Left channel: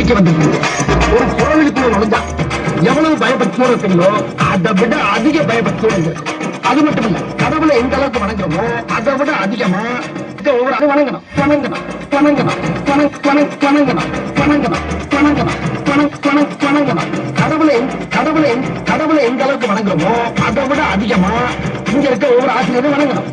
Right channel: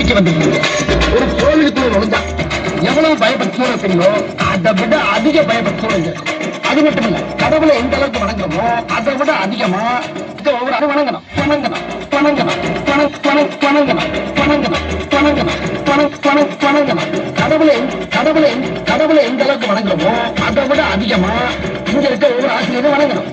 படிக்க வந்திருக்கீங்க. ஒரு கோவிலுக்குள்ள நுழைஞ்சா எவ்வளவு பயபக்தியோட தெரியும், அதை விட அதிக பயபக்தியோட இருக்கும். அது மட்டும் இல்ல, கடவுளை எந்த அளவுக்கு வணங்குறோமோ அதை விட அதிகமா ஒவ்வொரு வணங்கணும் வணங்கணும் வணங்கணும் வணங்கணும் வணங்கணும் வணங்கணும். கடவுளை கடவுளை கடவுளை எந்த அளவுக்கு வணங்குறோமோ அதை விட அதிகமா இங்க இருக்க ஒவ்வொரு ஆசிரியரும் வணங்கணும்.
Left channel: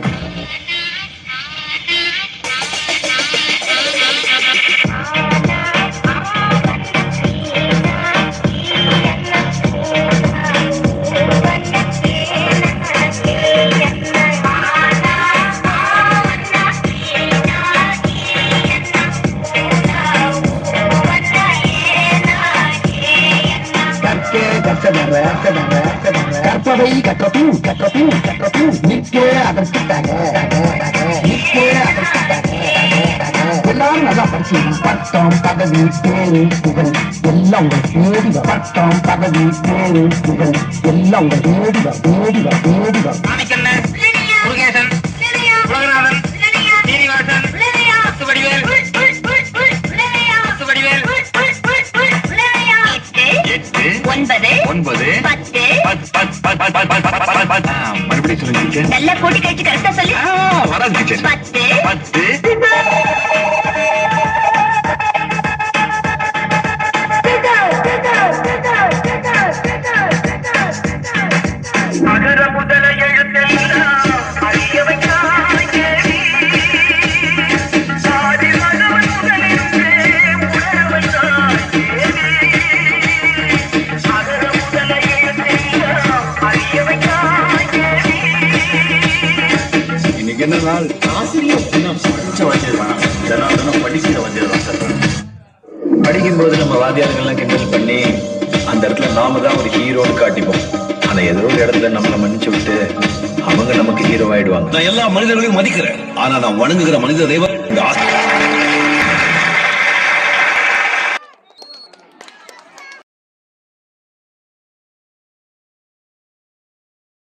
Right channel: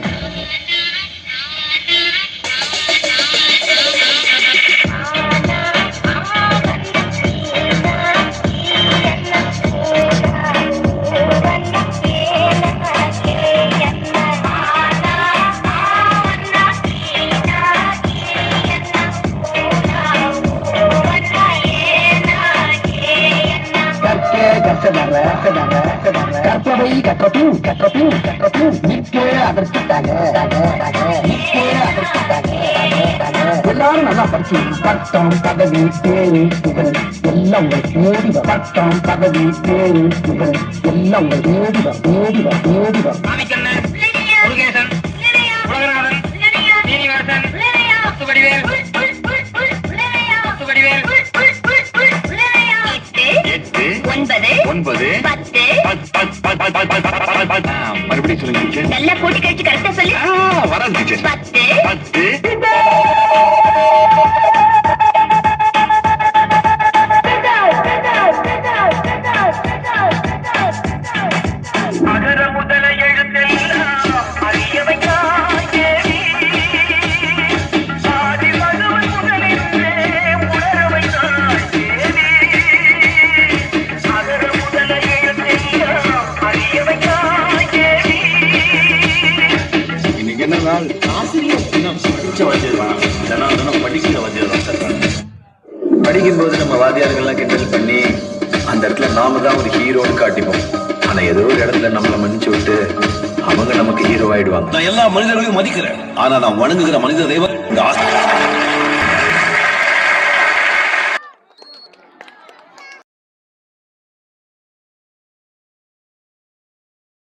கற்பவை கற்றபின் கற்றபின் கற்றபின் நிற்கே அதற்காக எல்லாரும் நல்லா படிச்சு பட்டம் பதவி பேரு புகழ் எல்லாம் உங்கள் தேடிவ. பட்டம் பதவி பேரு புகழ் எல்லாம் உங்கள் தேடிவ தேடிவ தேடிவ. மறுபடியும் சொல்லுங்க. நல்லா கூட்டி கழிச்சு கரெக்டா சொல்லி வரேன். 10 அகர முதல எழுத்தெல்லாம் அறிய வைக்காதே சாதி மதம் முதலிருந்தே உணர வைத்தாதே. அகர முதல எழுத்தெல்லாம் அறிய வைக்காதே. இன்னைக்கு என்ன நாள்? ஆசிரியர் தினம். படிச்ச வாத்தியார் தினம் படிக்கிற வாத்தியார் தான் சொல்றாங்க. படிக்கும்போது நம்ம வாத்தியார்கள்லாம் கிண்டல் பண்ணி அந்த இடத்துல நாம தான் ஒரு ஹீரோன்னு காட்டிப்போம். ஆனா ஏதோ ஒரு இடத்துல நம்மளை மன்னிச்சு விட்டு அவங்க நமக்கு ஹீரோ ஆயிடுவாங்க. நான் எல்லா மனிதர்களையும் மதிக்கிறேன். ஆனா நான் வணங்குகிற மனித தெய்வம்